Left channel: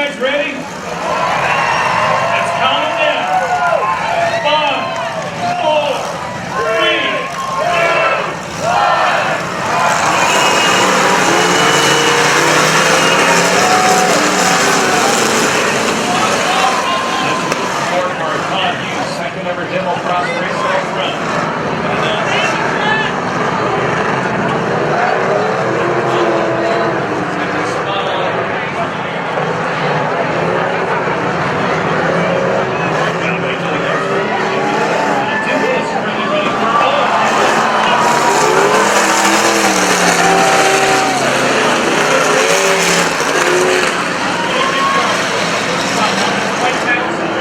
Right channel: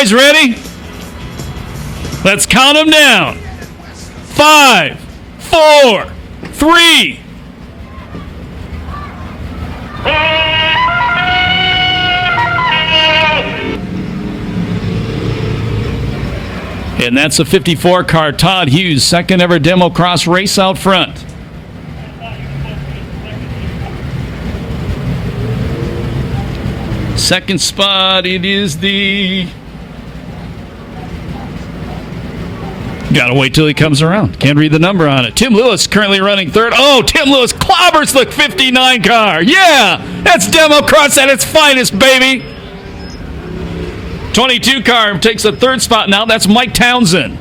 guys ready? Let's count them down. 5, 4, 3. And that's a 54 car, Todd Hughes, second ever DEMCROSS race out front. Second spot, it is the... Gotta wait till he comes around. Can't read the number on it. Tim Lewis currently running third. Oh, Tim Lewis clobbers the 59 car. Yeah, that's DEMCROSS at its finest, baby. 22 car takes the third spot now. That's Mike Townsend.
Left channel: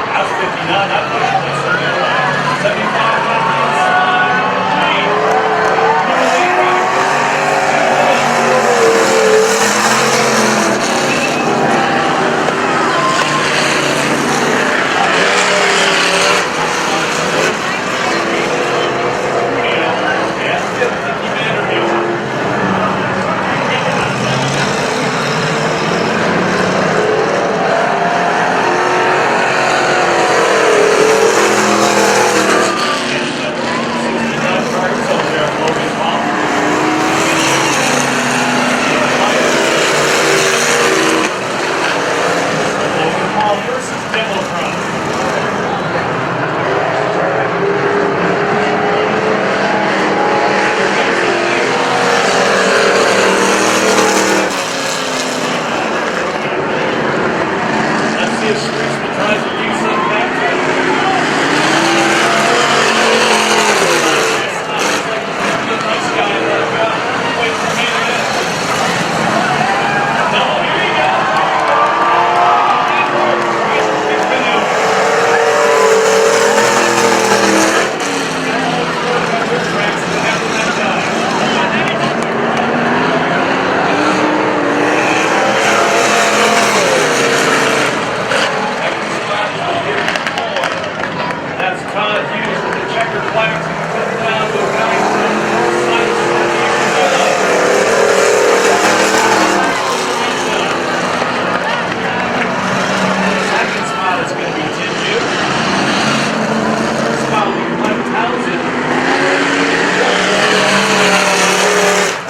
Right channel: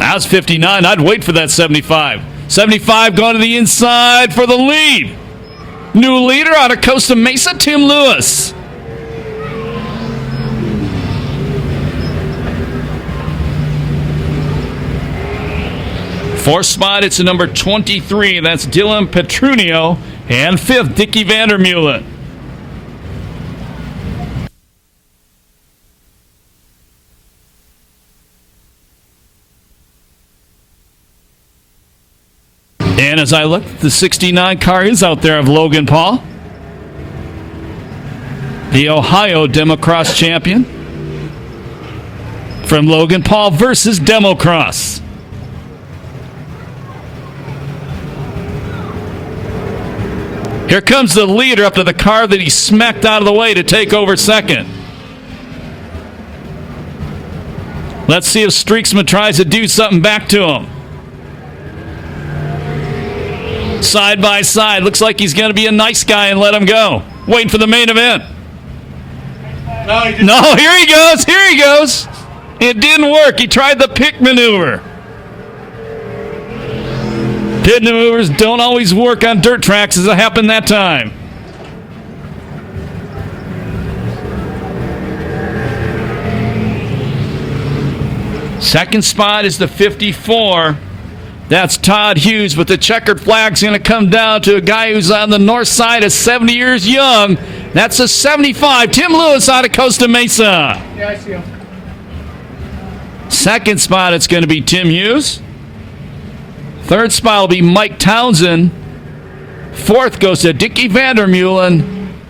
That's 59. I'd wait for that 75. 75 going to the inside for the lead. New leader out of Costa Mesa, Tim Lewis. Fourth spot, it's a number 23. That's Dylan Petrunio. And fifth, Dickie Vandermeulen. And as I look, the 69 car is out there of Logan Paul, the Ohio DEMCROSS champion. From Logan Paul versus DEMCROSS. Here comes the leader up to the car that he smacked out of the way to take over second. Let's see if Streaksman tries to do something back to him. Side by side, looks like he's going to be a nice guy and let him go. Waiting for the main event. No, here he goes, here he goes. It didn't work, he tried the pick maneuver. Pit maneuvers don't always work on dirt tracks as it happened that time. Second spot is the 54. That's Todd Hughes, but the checkered flag's going to come down to a guy who's on the north side of 70 years young. That's a 75, Tim Lewis out of Costa Mesa. Second spot, it's going to be Tim Hughes. Third spot will be Mike Townsend. Fourth goes to Dickie Vandermeulen.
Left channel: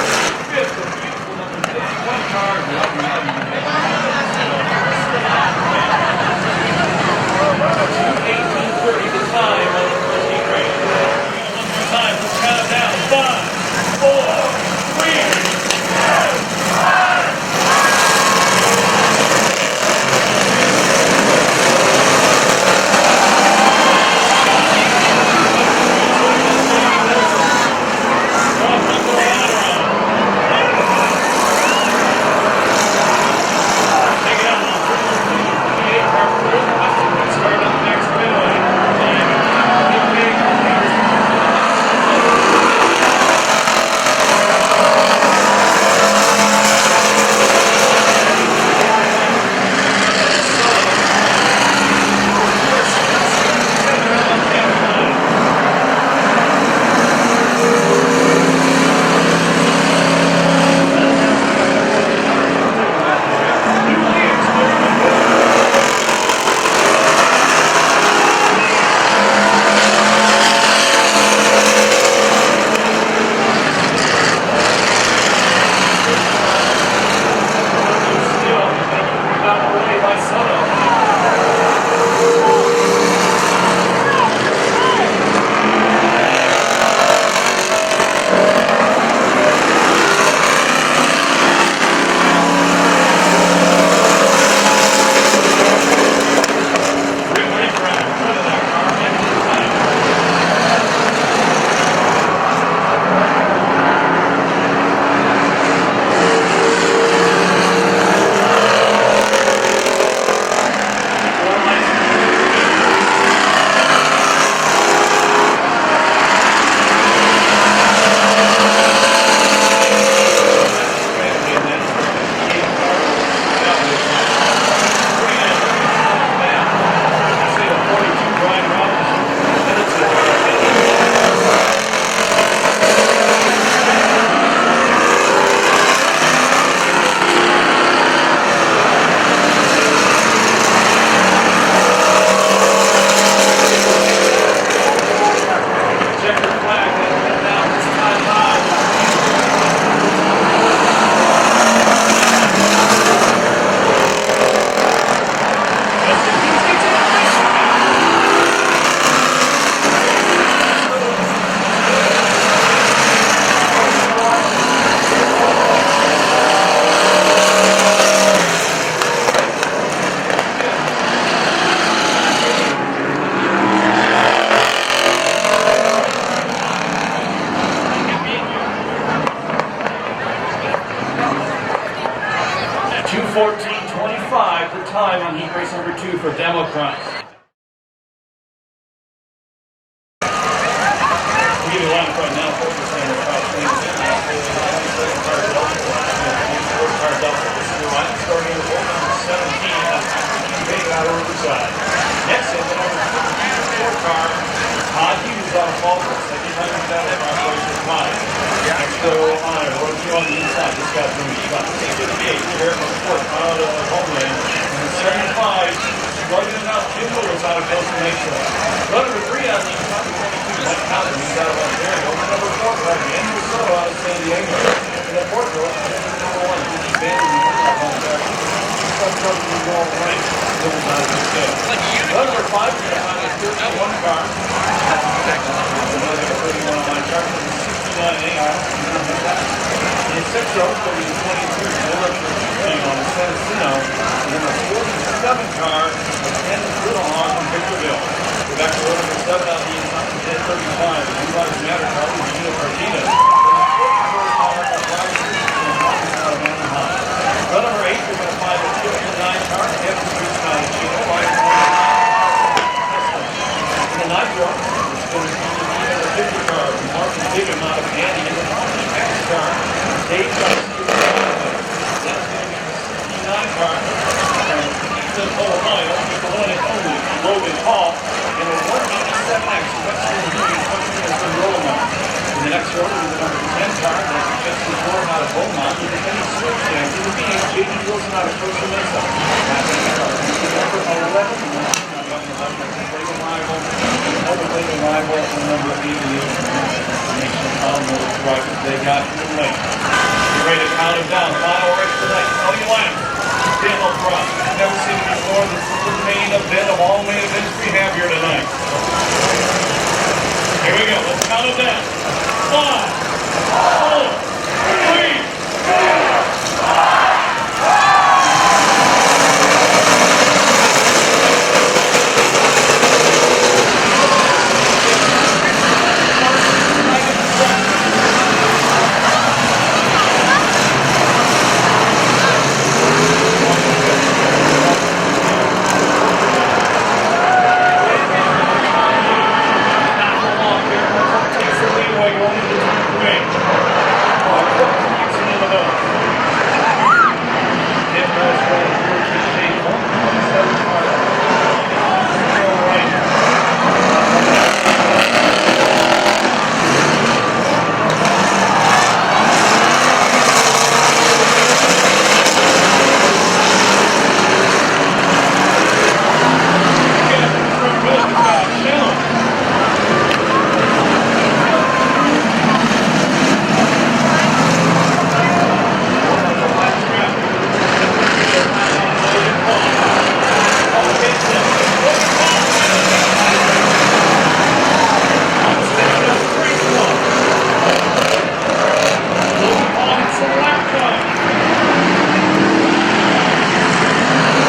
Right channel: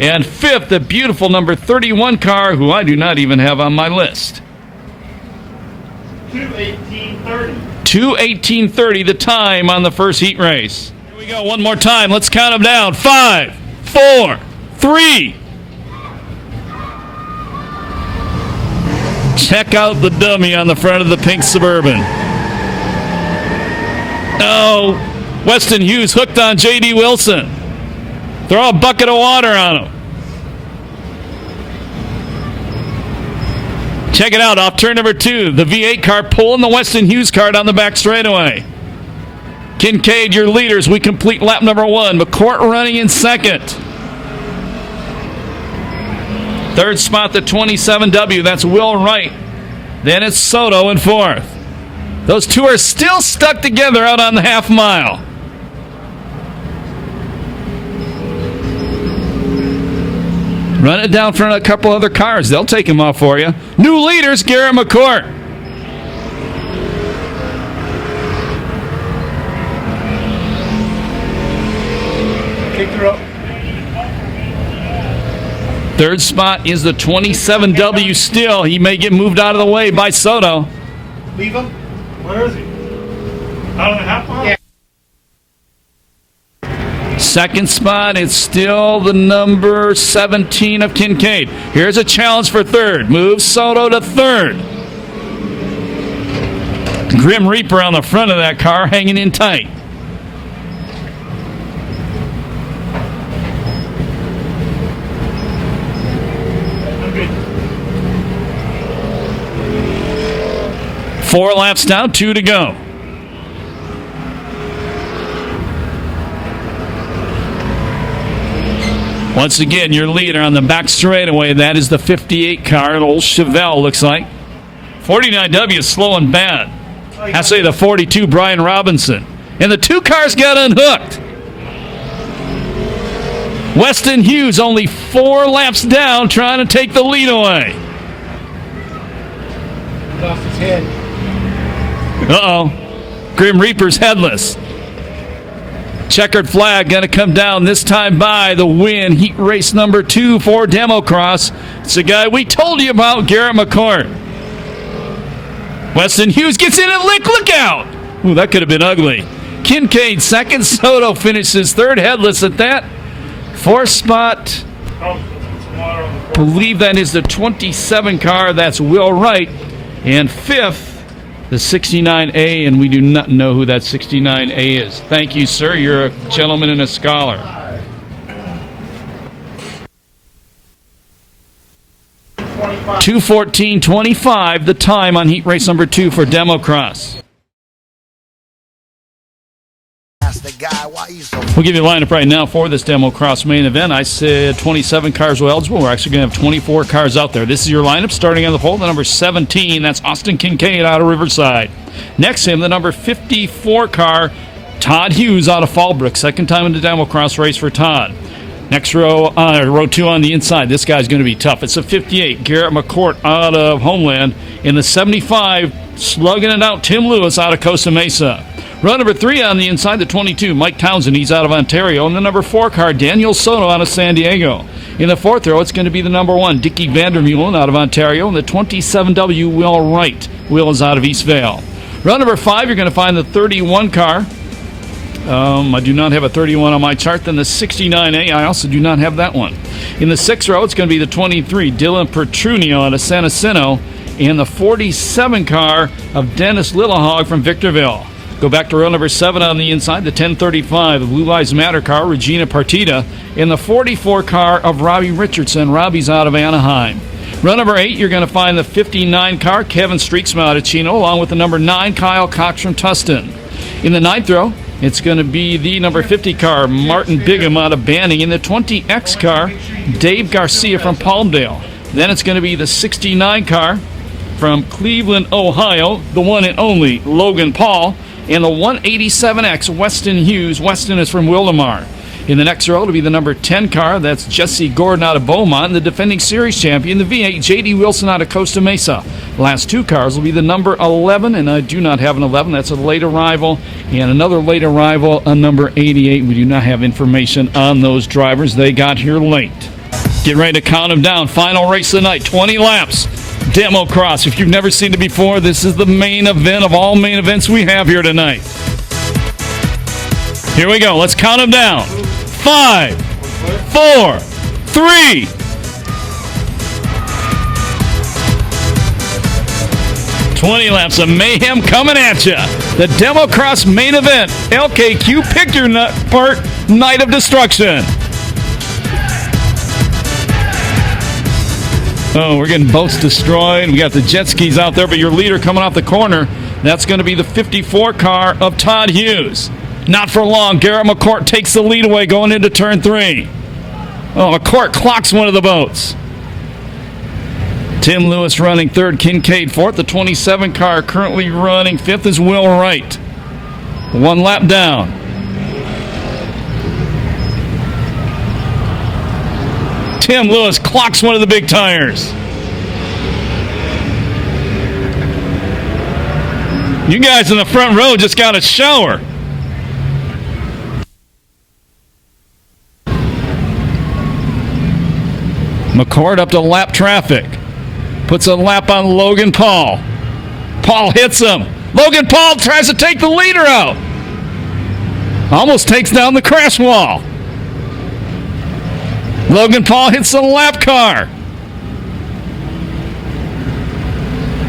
And fifth, the beautiful number 31 car, who I do not even have on my list. 2:18:30 the time on the first heat race. One more time, let's count them down. 5, 4, 3. Check out the dummy on the front of the pink Suburban. Oh, Weston Hughes hooked on J.D. Wilson. Throw a bucket of water on him. Check it out, off turn number 2. The V8 car pulling the Weston Hughes car down the back straightaway. Kincaid, your leaders. We complete lap number 1. McCourt running in second. Third spot, the 27W. That's Will Wright. Dennis Soto in fourth. Those two are still stuck together out on the half mile. Run it down front of a couple other cars. They'll take him off for you. New leaders, Gary McCourt. Third spot is the 27W still. He may get moved out of the way by Soto. Second spot, it's still the number 17 of Kincaid. Here's a challenge for third. Moves Soto to third. Grim Reaper on the front of that car, hanging in tight. Four laps down, 2 to go. Once again, your leader on the back straightaway, that is the 58 car, old Chevelle, looks like. 49W is slowing bad. I'd say the 42, Brian Robinson. And the two cars got unhooked. Weston Hughes only 4 laps down, trying to take the lead away. Uh-oh. Grim Reaper's headless. Checkered flag going to come down this time by the win. Heat race number 2 for DEMCROSS. It's the guy we told you about, Garrett McCord. Weston Hughes gets in and look out. Ooh, that could have been ugly. Kinnane second. Soto finishes third, headless at that. 4th spot. I believe that is the 27 car. That's Will Wright. And 5th, the 69A, and we do not know who that 69A is. Thank you, sir. You're a gentleman and a scholar. .2:14.25, the time on heat race number 2 for DEMCROSS. We'll give you a lineup right now for this DEMCROSS main event. I said 27 cars were eligible. We're actually going to have 24 cars out there. This is your lineup starting on the pole, the number 17. That's Austin Kinnane out of Riverside. Next to him, the number 54 car, Todd Hughes out of Fallbrook. Second time in the DEMCROSS race for Todd. Next row, row 2 on the inside. This guy's going to be tough. It's a 58, Garrett McCord out of Homeland. In the 75, slugging it out, Tim Lewis out of Costa Mesa. Row number 3 on the inside, the 22, Mike Townsend, he's out of Ontario. And the number 4 car, Daniel Soto out of San Diego. In the 4th row, it's going to be the number 1, Dickie Vandermeulen out of Ontario. And the 27W, Will Wright. Will is out of Eastvale. Row number 5, you're going to find the 31 car. I do not have a 31 on my chart. Then the 69A, I also do not have that one. In the 6th row, it's going to be the 23, Dylan Pertrunio out of San Jacinto. And the 47 car of Dennis Littlehog from Victorville. Go back to row number 7 on the inside, the 1035, the Blue Lives Matter car, Regina Partita. In the 44 car of Robbie Richardson. Robbie's out of Anaheim. Row number 8, you're going to find the 59 car, Kevin Streetsma out of Chino, along with the number 9, Kyle Cox from Tustin. In the 9th row, it's going to be the number 50 car, Martin Bigham out of Banning. In the 20X car, Dave Garcia from Palmdale. Then it's going to be the 69 car from Cleveland, Ohio, the one and only Logan Paul. In the 187X, Weston Hughes. Weston is from Willamar. In the next row will be the number 10 car. That's Jesse Gordon out of Beaumont. The defending series champion, the V8, J.D. Wilson out of Costa Mesa. Last 2 cars will be the number 11, and I do not have an 11. That's a late arrival. And another late arrival, a number 88. We do not have information on those drivers. They got here late. Get ready to count them down. Final race of the night, 20 laps. DEMCROSS. If you've never seen it before, this is the main event of all main events we have here tonight. Here we go. Let's count them down. 5, 4, 3. 20 laps of mayhem coming at you. The DEMCROSS main event. LKQ Pick Your Park Night of Destruction. We're getting boats destroyed. We got the jet skis out there, but your leader coming off the corner, that's going to be the 54 car of Todd Hughes. Not for long. Garrett McCord takes the lead away going into turn 3. Oh, McCord clocks one of the boats. Tim Lewis running 3rd, Kinnane 4th. The 27 car currently running 5th is Will Wright. 1 lap down. Tim Lewis clocks one of the big tires. You guys in the front row just got a shower. McCord up to lap traffic. Puts a lap on Logan Paul. Paul hits him. Logan Paul tries to take the leader out. Almost takes down the crash wall. Logan Paul hits the lap car.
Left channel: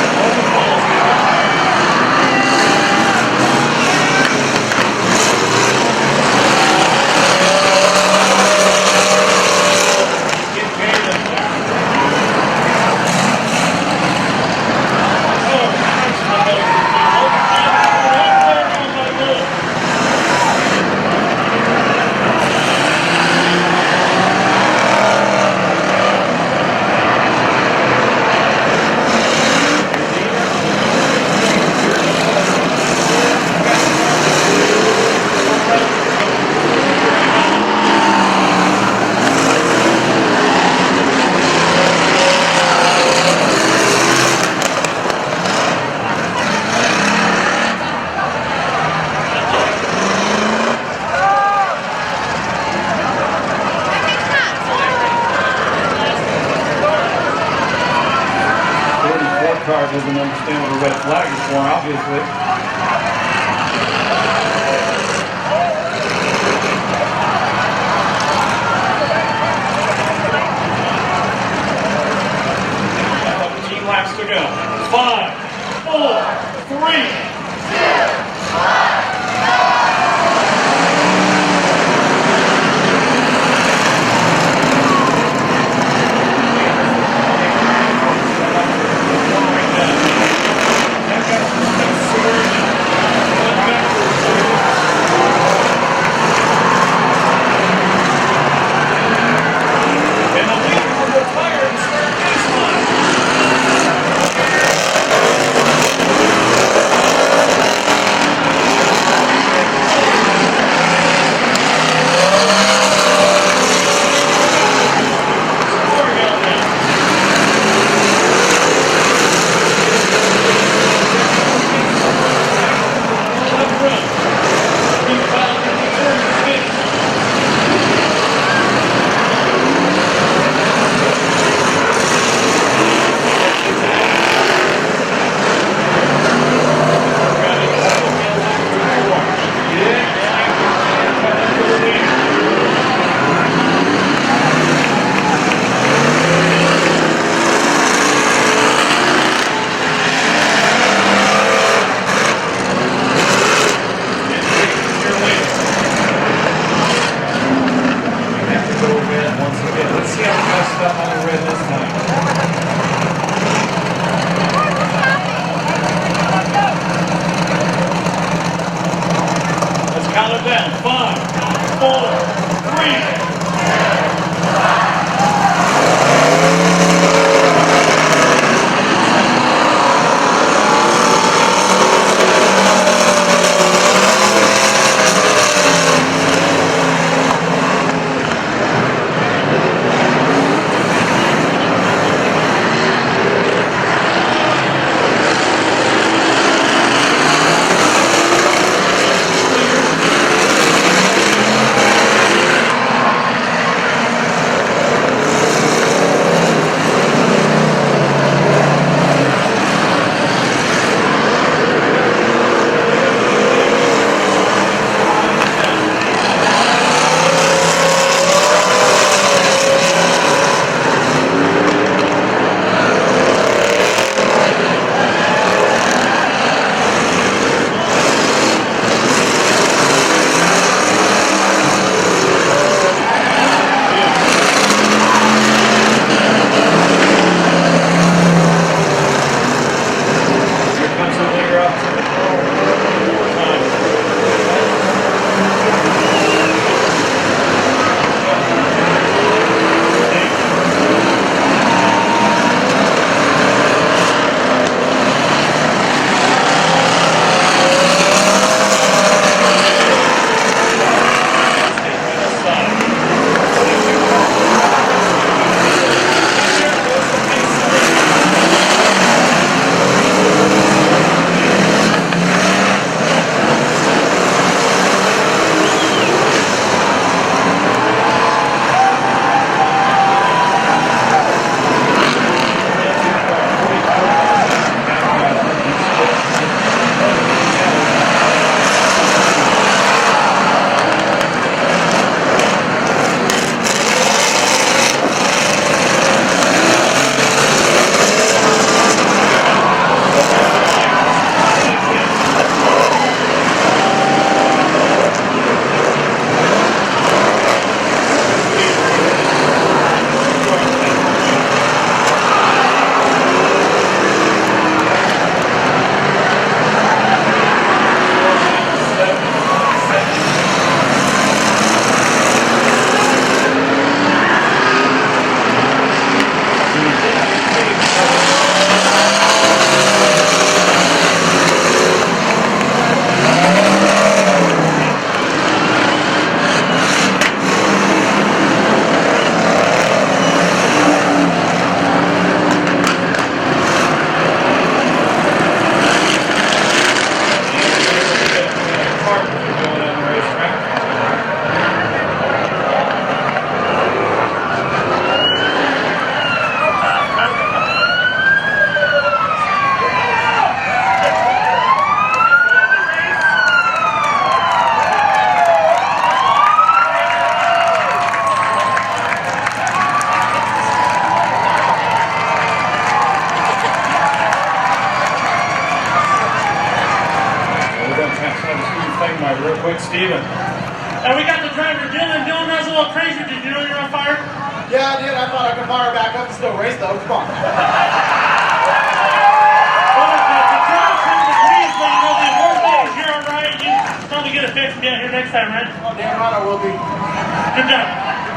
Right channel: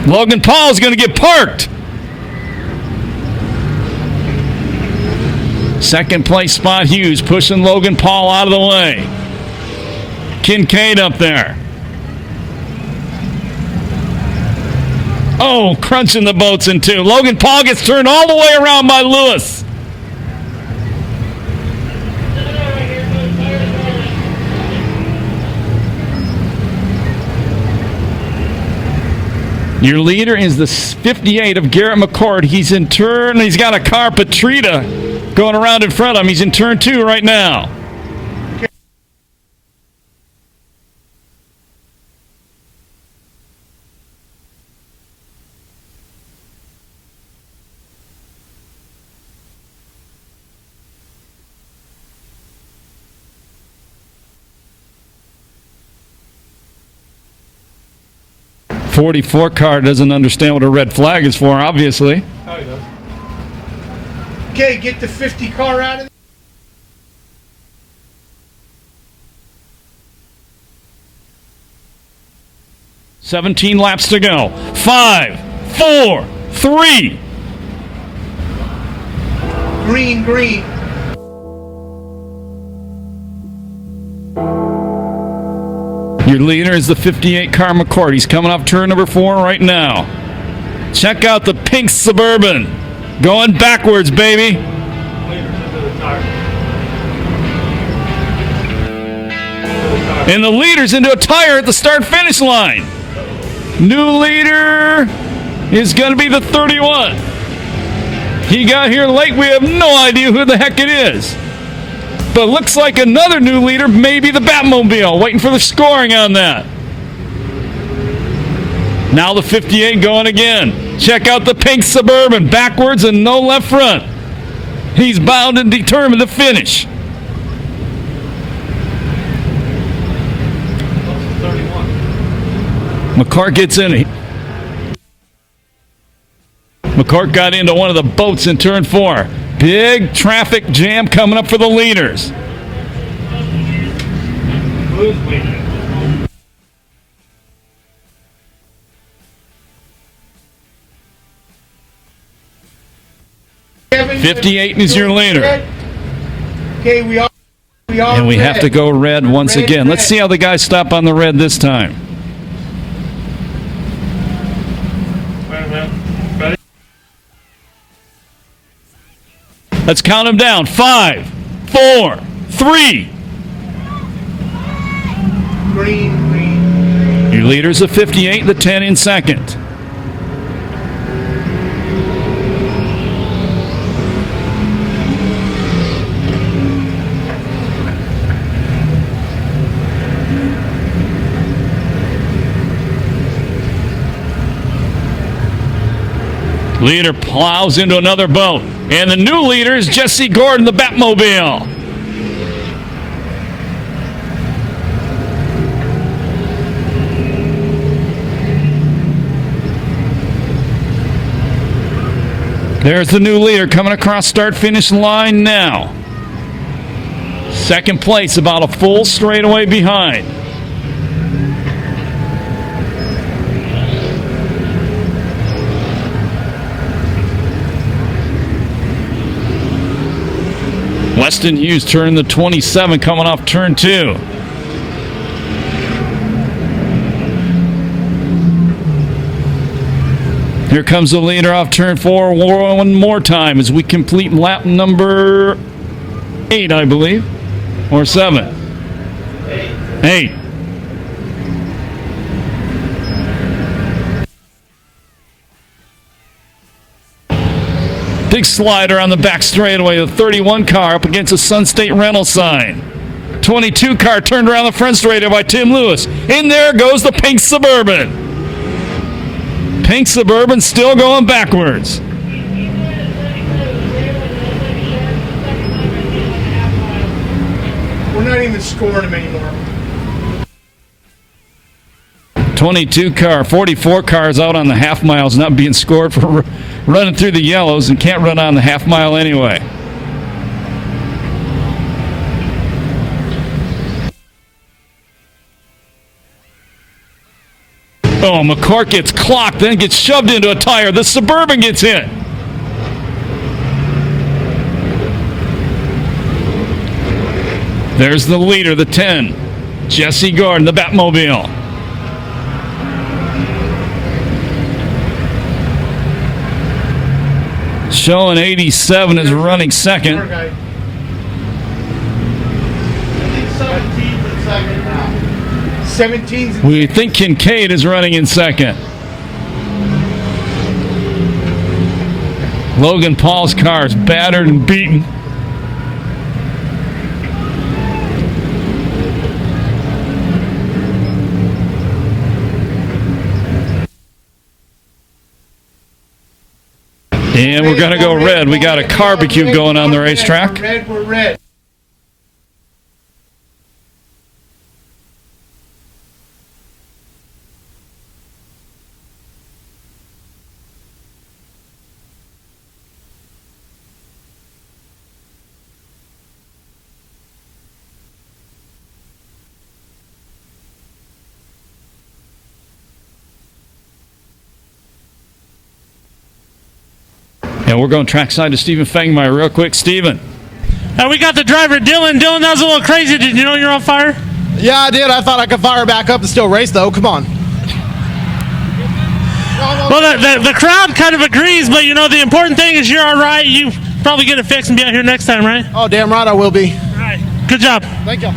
Logan Paul is going to get parked. Second place spot Hughes pushing Logan Paul out of the way. Kinnane up there. Oh, crunching the boats in two. Logan Paul gets turned all the way around by Lewis. Your leader is the 58 of Garrett McCord. He's in turn. He's got a car, Petrita, going around in front of him. He's in turn 2 right now. 44 car doesn't understand what a red flag is for, obviously. Okay, get the 50 car out. 17 laps to go. 5, 4, 3. Green. Your leader is the 58 car McCord. He's coming up turn number 4 right now. Check out the pink Suburban. Going backwards, baby. And the leader's into a tire at the start-finish line. New leader is going to be the 31. He got here late. We have no idea who the heck it is. But looks like another new leader, maybe the Batmobile. Waiting for the scoring on that. Now the 58 going again. Check out the pink Suburban. Backwards and no left front. He's bound and determined to finish. McCart gets in. McCart got into one of the boats in turn 4. Big traffic jam coming up for the leaders. .58 is your leader. And we have to go red once again. Let's see how the guys stop on the red this time. Let's count them down. 5, 4, 3. Your leader's at 58, the 10 in second. Leader plows into another bump. And the new leader is Jesse Gordon, the Batmobile. There's the new leader coming across start-finish line now. Second place, about a full straightaway behind. Weston Hughes turn the 27 coming off turn 2. Here comes the leader off turn 4 one more time as we complete lap number 8, I believe, or 7. 8. Big slider on the back straightaway. The 31 car up against a Sun State rental sign. 22 car turned around the front straightaway by Tim Lewis. In there goes the pink Suburban. Pink Suburban still going backwards. Not even scored. 22 car, 44 cars out on the half miles, not being scored for running through the yellows and can't run on the half mile anyway. Oh, McCourt gets clocked, then gets shoved into a tire. The Suburban gets hit. There's the leader, the 10. Jesse Gordon, the Batmobile. Showing 87 is running second. We think Kincaid is running in second. Logan Paul's car is battered and beaten. And we're going to go red. We got a barbecue going on the racetrack. Red. And we're going trackside to Stephen Fangmeyer real quick. Stephen. We got the driver, Dylan. Dylan, that was a little crazy. Did you know you're on fire? Yeah, I did. I thought I could fire back up and still race, though. Come on. Well, the crowd kind of agrees, but you know, the important thing is you're all right. You probably get it fixed and be out here next time, right? Oh, damn right I will be. Good job. Thank you.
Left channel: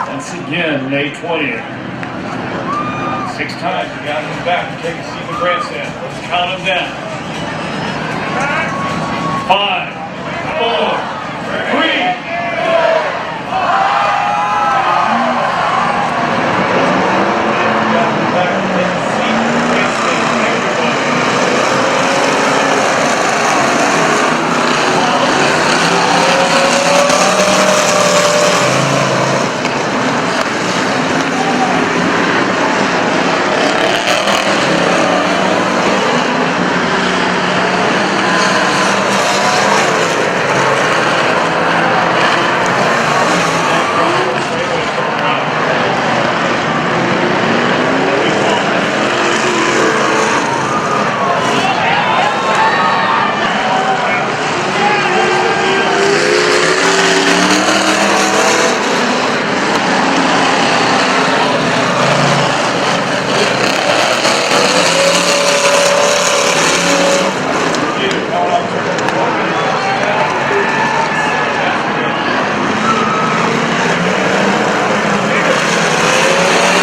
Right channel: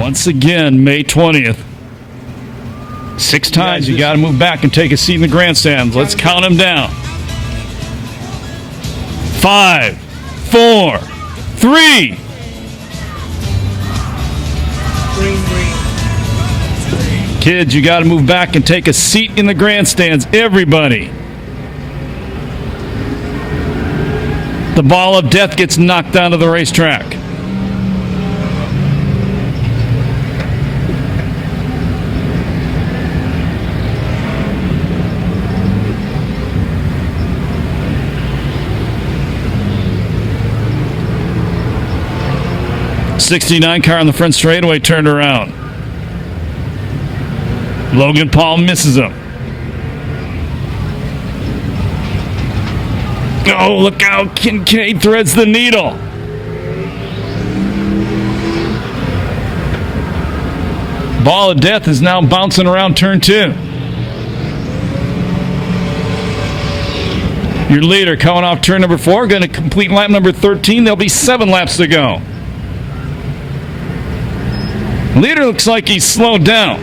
Once again, May 20th. 6 times you got to move back and take a seat in the grandstands. Let's count them down. 5, 4, 3. Kids, you got to move back and take a seat in the grandstands. Everybody. The ball of death gets knocked out of the racetrack. '69 car on the front straightaway turned around. Logan Paul misses it. Oh, look out. Kincaid threads the needle. Ball of death is now bouncing around turn 2. Your leader coming off turn number 4, going to complete lap number 13. There'll be 7 laps to go. Leader looks like he's slowed down.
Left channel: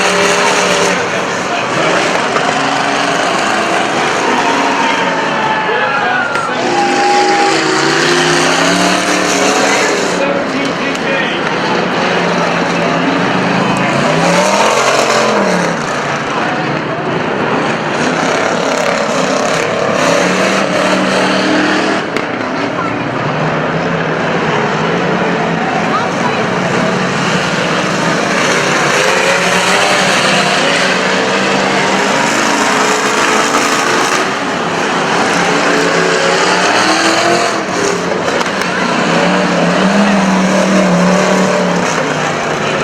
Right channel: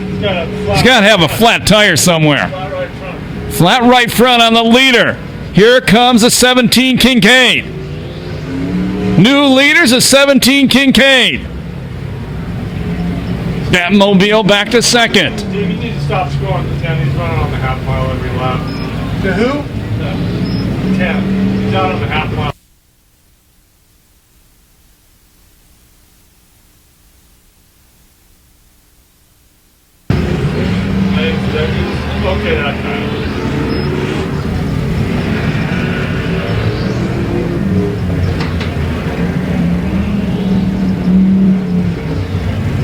He's got to have a flat tire somewhere. Flat right front on the leader. Here comes a 17 Kincaid. New leaders, a 17 Kincaid. Batmobile back to second.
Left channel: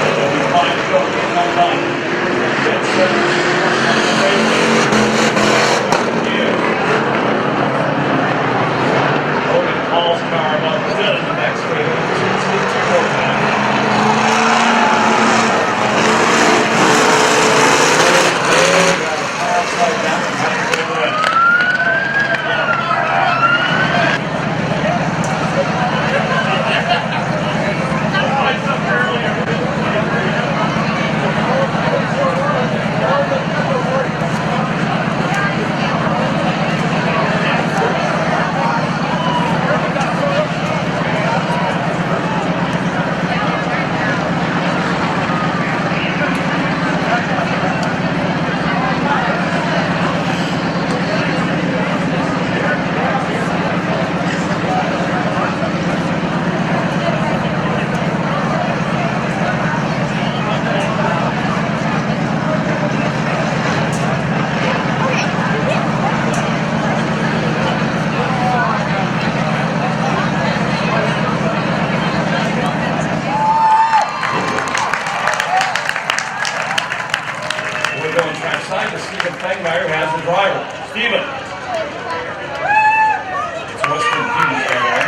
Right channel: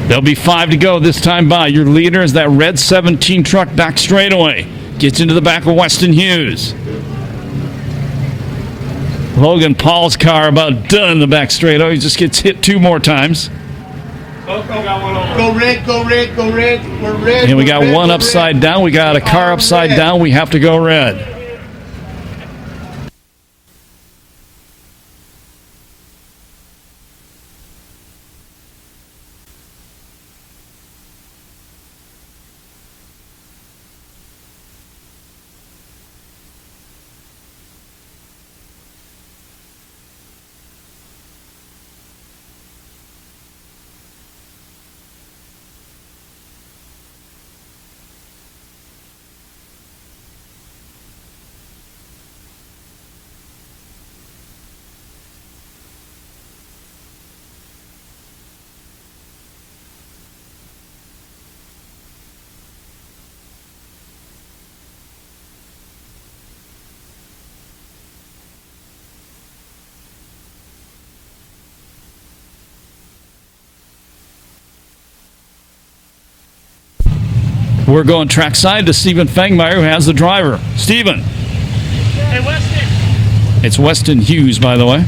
There'll be 5 to go this time by. Your leader is that red 17 truck back straightaway. Gets into the back of Weston Hughes. Logan Paul's car about done in the back straightaway. He just gets hit 2 more times. Go red, go red, go red, go red. And we got one upside down. We got a car upside down. We have to go red. We're going trackside to Stephen Fangmeyer, who has the driver. Stephen. Hey, Weston. It's Weston Hughes, by the way.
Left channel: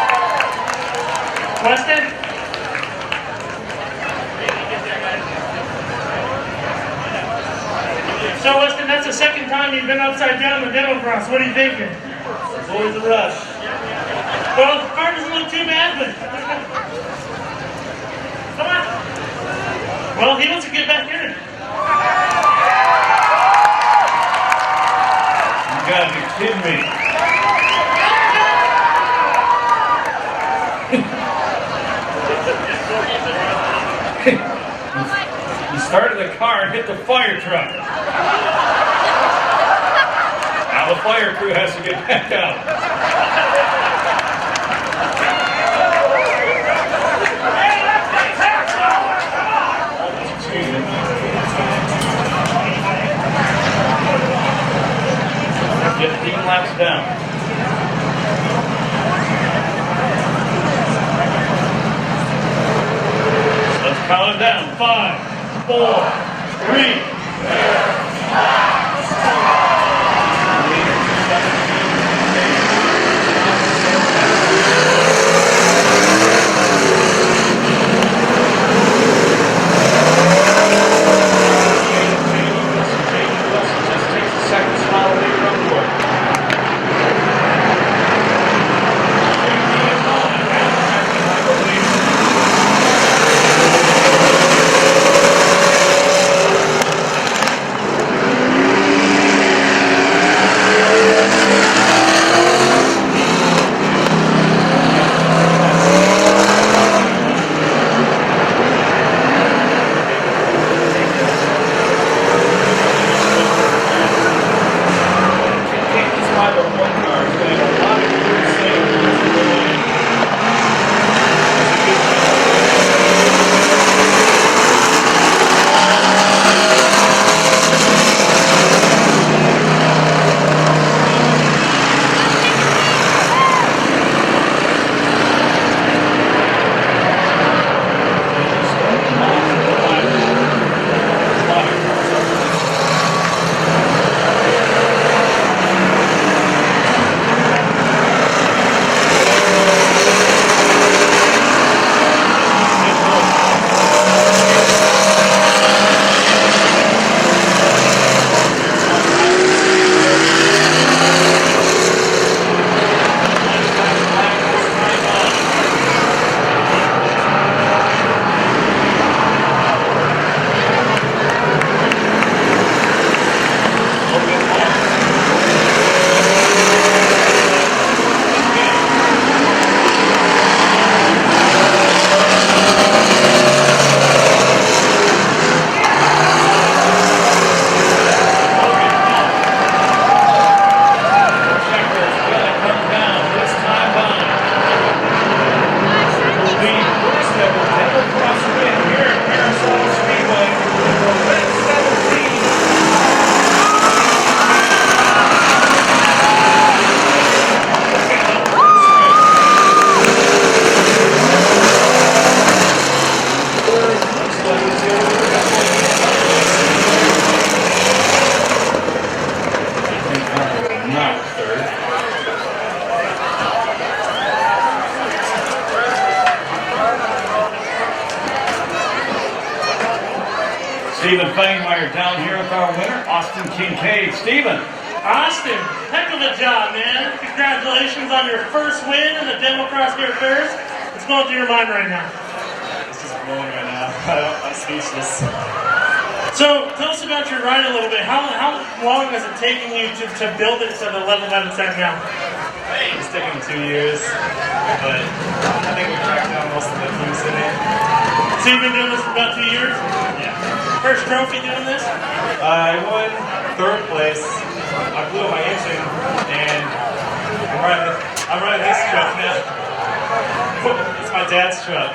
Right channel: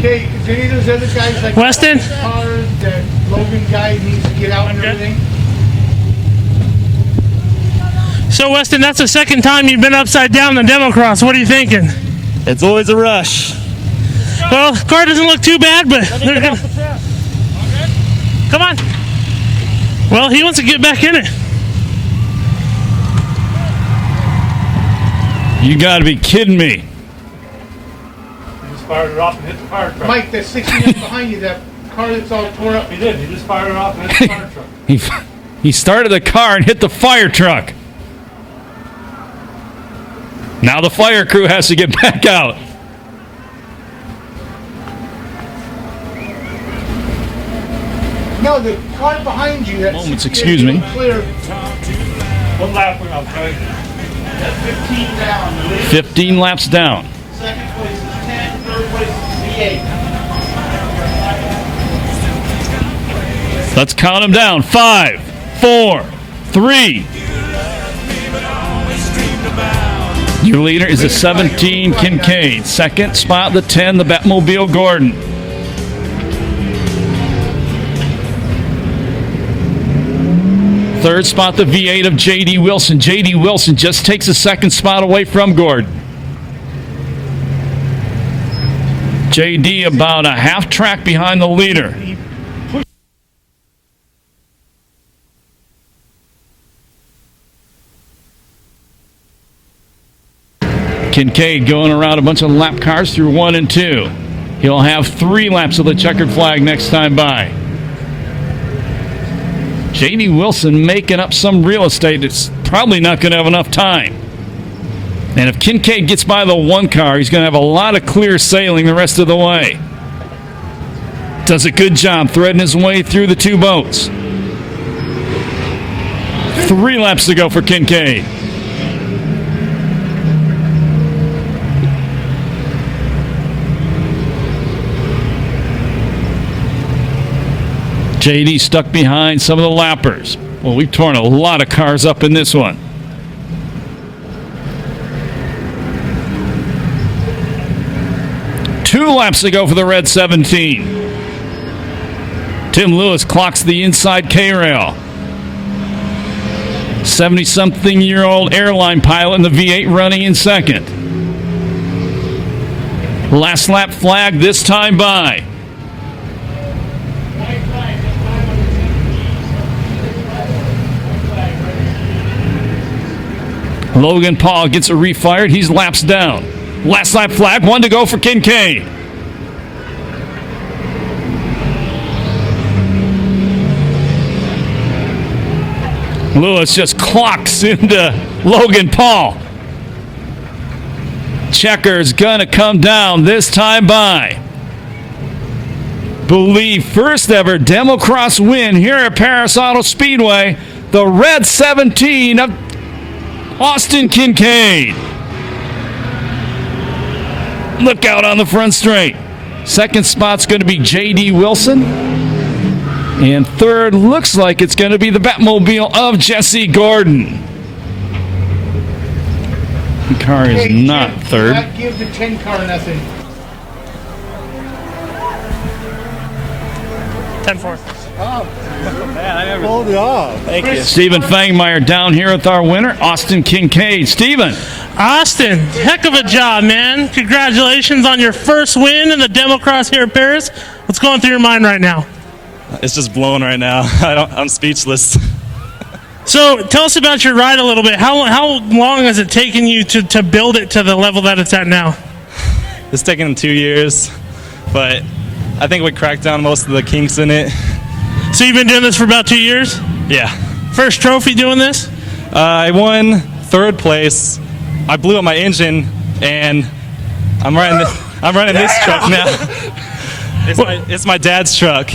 Okay, do you those other guys like Weston? cars that Logan guy needs to get out there? So, Weston, that's the second time you've been upside down in the DEMCROSS. What are you thinking? It's always a rush. Well, the car doesn't look too bad, but they're gonna... Come on. Well, he wants to get back in it. You gotta be kidding me. Mike, that 69 behind you, that car that's all torn up the big. He started off. He started the car and hit the fire truck. Now the fire crew has to get back out. No, the car behind you. That's Excuse me. 15 laps down. Let's count them down. 5, 4, 3. Your leader is a 17, Kincaid. Second spot, the 10, the Batmobile Gordon. Third spot, the V8 of J.D. Wilson. J.D. Wilson just takes a second spot away from Gordon. J.D. about a half track behind the leader. Kincaid going around a bunch of lap cars through 1 and 2. He'll have 3 laps of the checkered flag next time by. J.D. Wilson making up some real estate. It's probably not going to have enough time. And if Kincaid gets by the 1 car, he's going to have a lot of clear sailing the rest of the way. Does a good job threading his way through the 2 boats. 3 laps to go for Kincaid. JD stuck behind some of the lappers. Well, we've torn a lot of cars up in this one. Two laps to go for the red 17. Tim Lewis clocks the inside K-rail. 70-something-year-old airline pilot in the V8 running in second. Last lap flag this time by. Logan Paul gets a refired. He's laps down. Last lap flag, 1 to go for Kincaid. Lewis just clocks into Logan Paul. Checker's gonna come down this time by. Believe first ever DEMCROSS win here at Perris Auto Speedway. The red 17 of Austin Kinnane. Look out on the front straight. Second spot's going to be J.D. Wilson. And third looks like it's going to be the Batmobile of Jesse Gordon. The car is not third. That gives you 10 car nothing. 10-4. Thank you. Stephen Fangmeyer down here with our winner, Austin Kinnane. Stephen. Austin, heck of a job, man. Congratulations on your first win in the DEMCROSS here at Perris. What's going through your mind right now? It's just blown right now. I'm speechless. So tell us about your ride a little bit. How long has it taken you to build it to the level that it's at now? It's taken 2 years, but I think we cracked down most of the kinks in it. So you've been doing this for about 2 years? Yeah. First trophy doing this? I won third place. I blew up my engine, and I'm running this truck now. It's my dad's truck.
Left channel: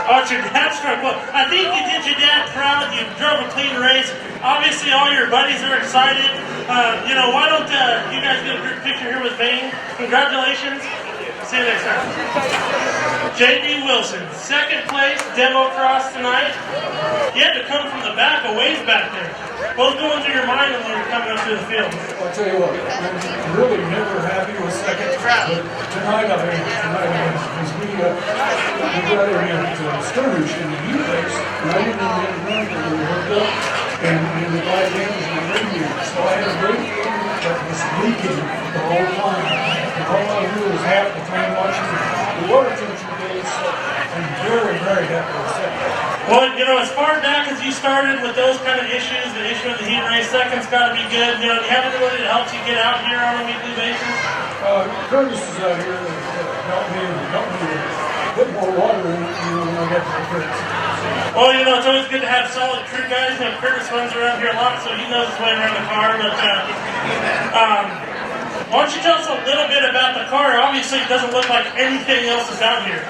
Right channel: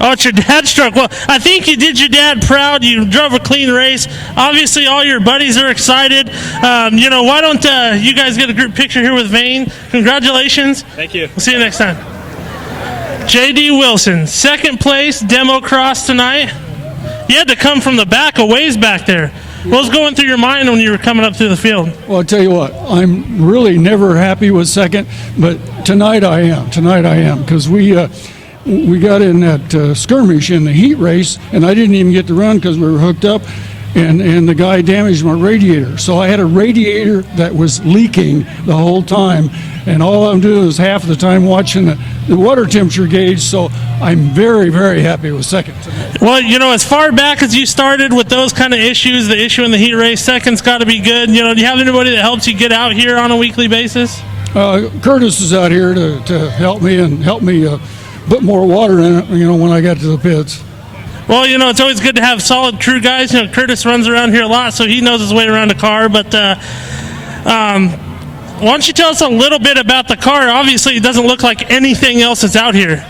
Oh, it's your dad's truck. Well, I think you did your dad proud. You drove a clean race. Obviously, all your buddies are excited. Why don't you guys get a group picture here with Vane? Congratulations. Thank you. We'll see you next time. J.D. Wilson, second place, DEMCROSS tonight. You had to come from the back, a ways back there. What was going through your mind when you were coming up to the field? Well, I'll tell you what, I'm really never happy with second, but tonight I am, because we got in that skirmish in the heat race, and I didn't even get to run because we were hooked up, and the guy damaged my radiator. So I had a radiator that was leaking the whole time, and all I'm doing is half the time watching the water temperature gauge, so I'm very, very happy with second. Well, as far back as you started with those kind of issues, the issue in the heat race, second's got to be good. Do you have anybody that helps you get out here on a weekly basis? Curtis is out here to help me put more water in it, when I get to the pits. Well, it's always good to have solid crew guys. Curtis runs around here a lot, so he knows his way around a car. But why don't you tell us a little bit about the car? Obviously, it doesn't look like anything else that's out here.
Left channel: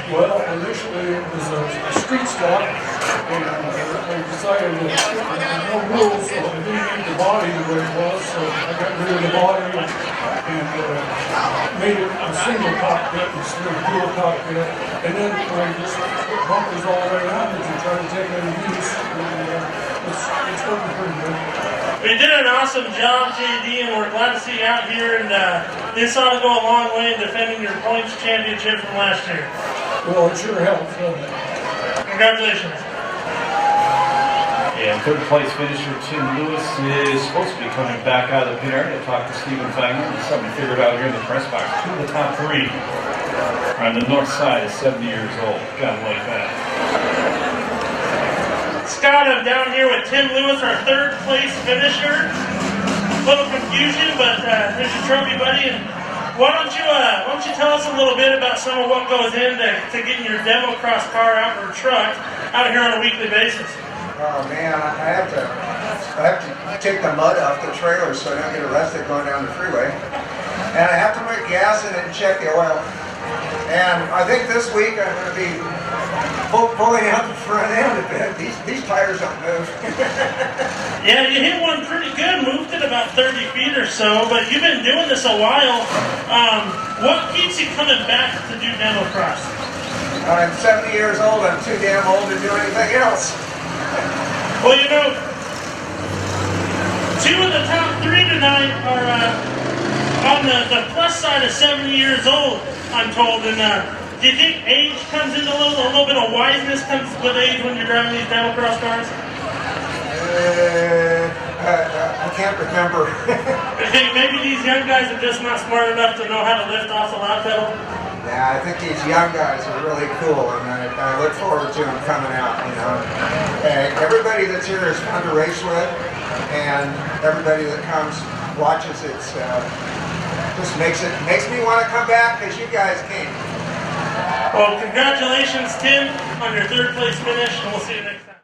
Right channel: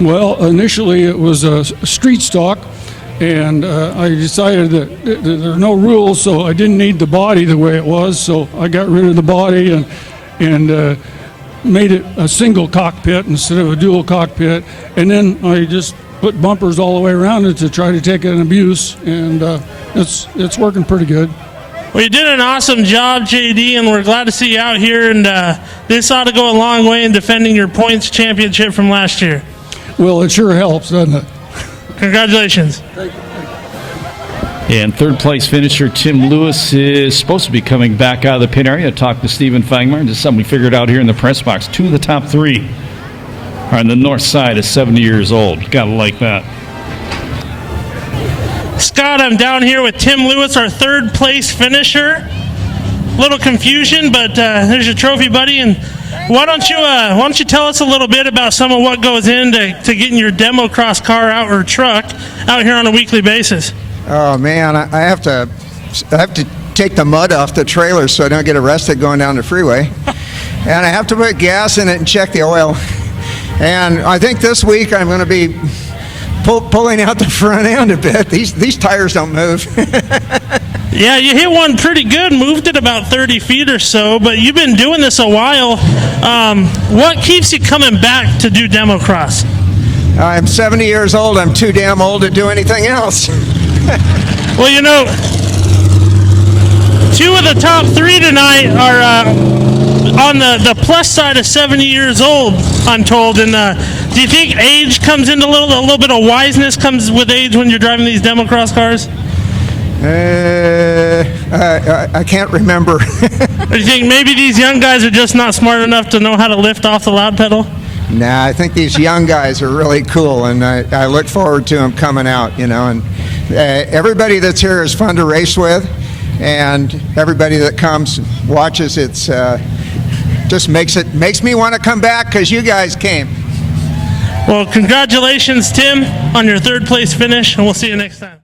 Well, initially it was a street stock, and I decided that there were no rules, so I didn't need the body the way it was, so I got rid of the body and made it a single cockpit instead of a dual cockpit, and then I just put bumpers all the way around it to try to take an abuse, and it's working pretty good. Well, you did an awesome job, JD, and we're glad to see you out here. And this ought to go a long way in defending your points championship from last year. Well, it sure helps, doesn't it? Congratulations. And third place finisher Tim Lewis is supposed to be coming back out of the pit area. I talked to Stephen Fangman. This is something we figured out here in the press box. 2 of the top 3 are on the north side of 70 years old. You gotta like that. Scott, I'm down here with Tim Lewis, our third place finisher. Little confusion, but there's your trophy, buddy. And why don't you tell us a little bit about some of what goes into getting your DEMCROSS car out or truck out here on a weekly basis? Oh man, I have to take the mud off the trailer so I don't get arrested going down the freeway, and I have to put gas in it and check the oil. And I think this week I'm going to be pulling out the front end a bit. These tires don't move. Yeah, you hit one pretty good, moved it about 30 feet or so, but you've been doing this a while. What keeps you coming back to do DEMCROSS? I'm 70 years old. I'm too damn old to do anything else. Well, you know, 2 of the top 3 tonight are on the plus side of 70 years old, I'm told. And do you think age comes into a little bit of wiseness comes with age when you're driving these DEMCROSS cars? I can't remember. Do you think maybe these young guys are just not smart enough to know how to lift off the loud pedal? Nah, I think these young guys are really cool, and I look forward to them coming out, you know. And everybody that's here is fun to race with, and everybody that comes watches, it's just makes me want to come back because you guys came. Well, congratulations, Tim, on your third place finish, and we'll see you next time.